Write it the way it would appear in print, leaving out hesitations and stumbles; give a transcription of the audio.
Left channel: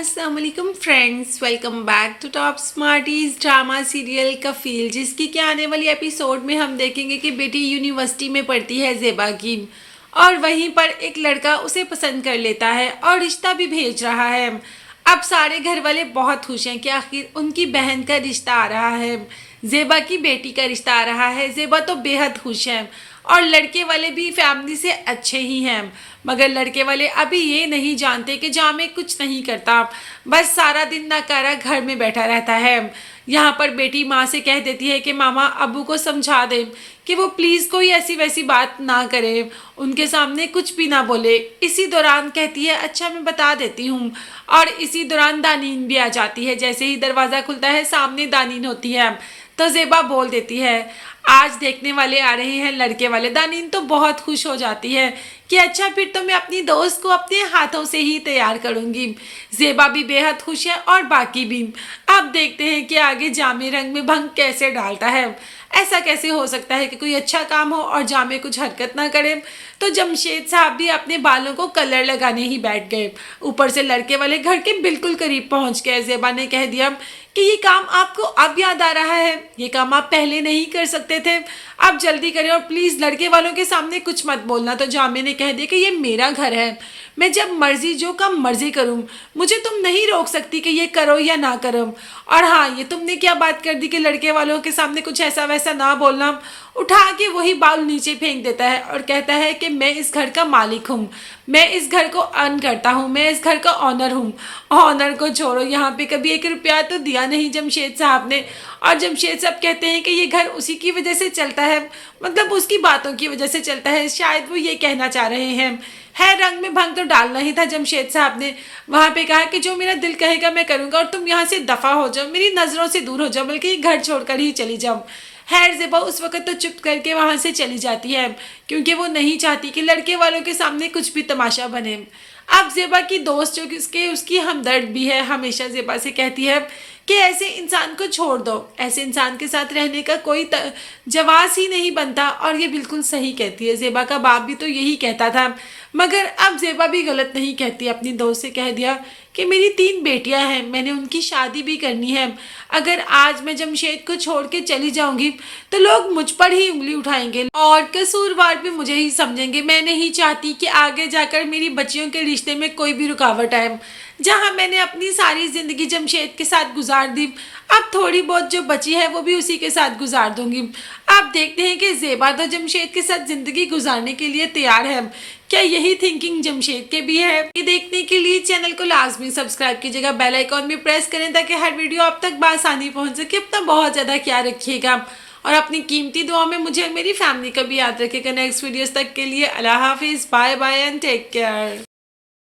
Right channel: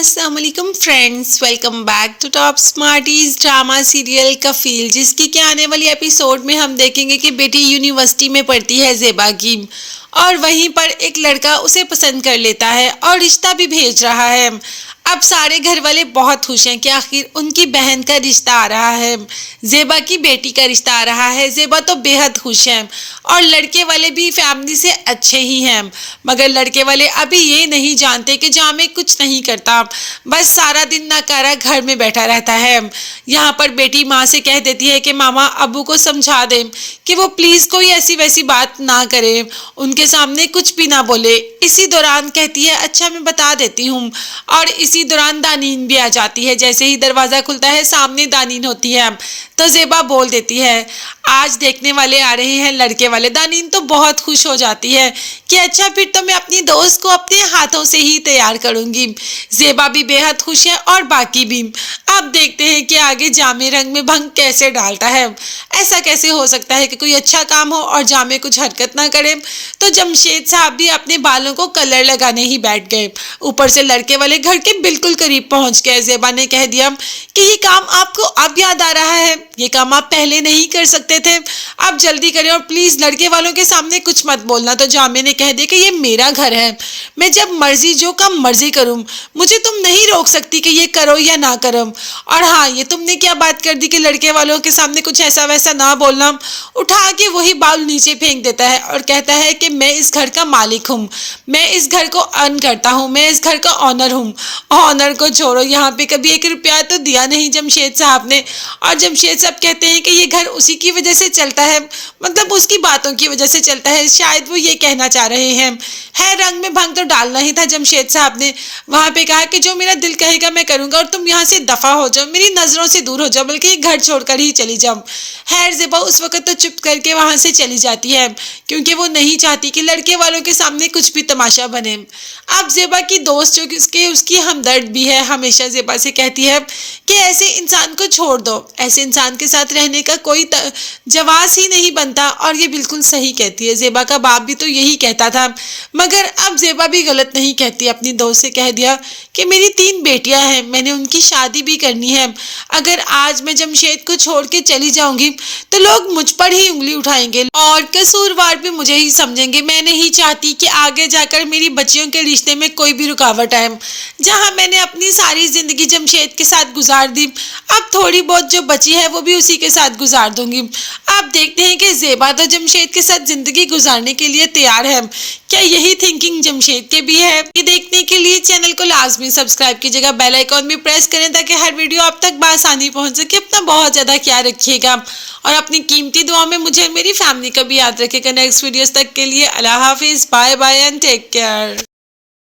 अस्सलाम वालेकुम friends, welcome back to top smarties drama serial Kafeel, जिसकी के आने वाली एपिसोड में हम देखेंगे कि बेटी यूनिवर्सिटी में पढ़ती है ज़ेबा की, और वहीं पर एक लड़का उसे पसंद कर लेता है और रिश्ता भी भेज रहा है। अब सारे घर वाले बहुत खुश हैं कि आखिर उनकी बहन का रिश्ता आ रहा है, ज़ेबा की बेटी का रिश्ता आ रहा है। ज़ेबा तो बेहद खुश है और लड़के वाले भी फैमिली से अच्छे ही हैं, मगर लड़के वाले अभी ये नहीं जानते कि जामे कुछ नहीं करता, बस सारा दिन नाकारा घर में बैठा रहता है। यहाँ पर बेटी माँ से कह देती है कि मामा अबू को समझा दें कि वो प्लीज़ कोई ऐसी वैसी बात ना करे, उनके सामने कुछ भी ना बोले। इसी दौरान कहती है अच्छा मैं बता देती हूँ, और इसी दौरान दानीन भी आ जाती है। जैसे ही दरवाज़ा खुलता है सामने दानीन होती है, तो ज़ेबा बोल देती है आज देखने वाले आ रहे हैं लड़के वाले। दानीन तो बहुत खुश हो जाती है कि अच्छा फिर तो मैं अपनी दोस्त को अपने हाथों से ही तैयार करूंगी। ज़ेबा भी बेहद खुश है और बाकी भी। अब देखते हैं कि आगे जामे रंग में भंग कैसे डालता है। ऐसा कैसे हो सकता है कि कोई अच्छा काम हो और जामे कुछ हरकत ना करे। तो जमशेद साहब भी अपने बालों को कलर लगाने ही बैठ गए। ऊपर से लड़के वाले घर के बिल्कुल करीब पहुंच गए। ज़ेबा ने कह दिया कि ये काम आपको अब याद आ रहा है, ये काम आप पहले नहीं कर सकते थे, आप जल्दी करें और प्लीज लड़के वालों के सामने कुछ मत बोलना। तो जामे ने कह दिया कि ये मेरा घर है, मैं जब मर्जी जो काम मर्जी करूं, मुझे तुम नहीं रोक सकती कि ये करो या ना करो। और हाँ, ये तुमने क्या बात कर दी कि लड़के वालों के सामने कुछ ऐसा वैसा ना बोलना। उठा के वही बाल नीचे फेंक देता है और कहता है कि मैं इस घर का मालिक हूँ, मैं इस घर को अर्न करता हूँ, मैं इस घर का ऑनर हूँ। ऑनर को छोड़ो, यहाँ पे कभी 1 रुपया तो दिया नहीं जमशेद साहब ने। और जमशेद साहब कहते हैं कि ये घर उसी की वजह से चलता है, मतलब उसकी बातों की वजह से चलता है, शायद वो ये कहना चाह रहे हैं। है रंग में भंग तो डालना ही था जमशेद साहब ने। वहां पे कहा कि जो मेरा दिल कहेगा मैं करूंगा और तुम यहाँ से दफा हो जाओ, मेरी नजरों से दूर हो जाओ, बल्कि ये घर छोड़कर ही चली जाओ। खैर ज़ेबा उस वक्त तो चुप करके वहां से चली जाती है, क्योंकि वो नहीं चाहती कि लड़के वालों के सामने कुछ भी तमाशा बने। अब ज़ेबा की दोस्त जो कि उसकी हमदर्द भी है, हमेशा ज़ेबा से कहती है कि ऐसे इंसान को छोड़ दो, ऐसे इंसान के साथ रहने का कोई जवाब ही नहीं बनता। और ये बिल्कुल सही कहती है, ज़ेबा का बाप भी तो यही कहता था। मगर अब ज़ेबा भी गलत नहीं कहती, अपनी दोस्त से कह दिया कि मेरी 3 बेटियां हैं, मैंने उनकी शादी भी करनी है। अगर आज मैं जमशेद को छोड़ के चली जाऊंगी तो लोग मुझ पर ही उंगली उठाएंगे और कसूरवार भी मुझे ही समझेंगे। मैं नहीं चाहती कि आगे जाकर मेरी बच्चियों के रिश्ते में कोई भी रुकावट आए। जहां मैंने अपनी सारी जिंदगी जमशेद के साथ गुजार दी, अब थोड़ी बहुत जो बची है वो भी उसी के साथ गुजार दूंगी। आप देखते हैं कि ज़ेबा तो जमशेद के साथ जिंदगी गुजारने के लिए तैयार है। क्या यही थिंकिंग जमशेद के भी है? ये देखने के लिए चैनल को लाजमी सब्सक्राइब कीजिएगा, बेल आइकॉन भी प्रेस करें ताकि हर वीडियो आप तक बआसानी पहुंच सके। अपना बहुत ज़्यादा ख्याल रखिएगा और अपनी कीमती दुआ में मुझे और मेरी फैमिली का भी याद रखिएगा। नेक्स्ट वीडियोस तक के लिए अल्लाह हाफिज़, bye bye and take care.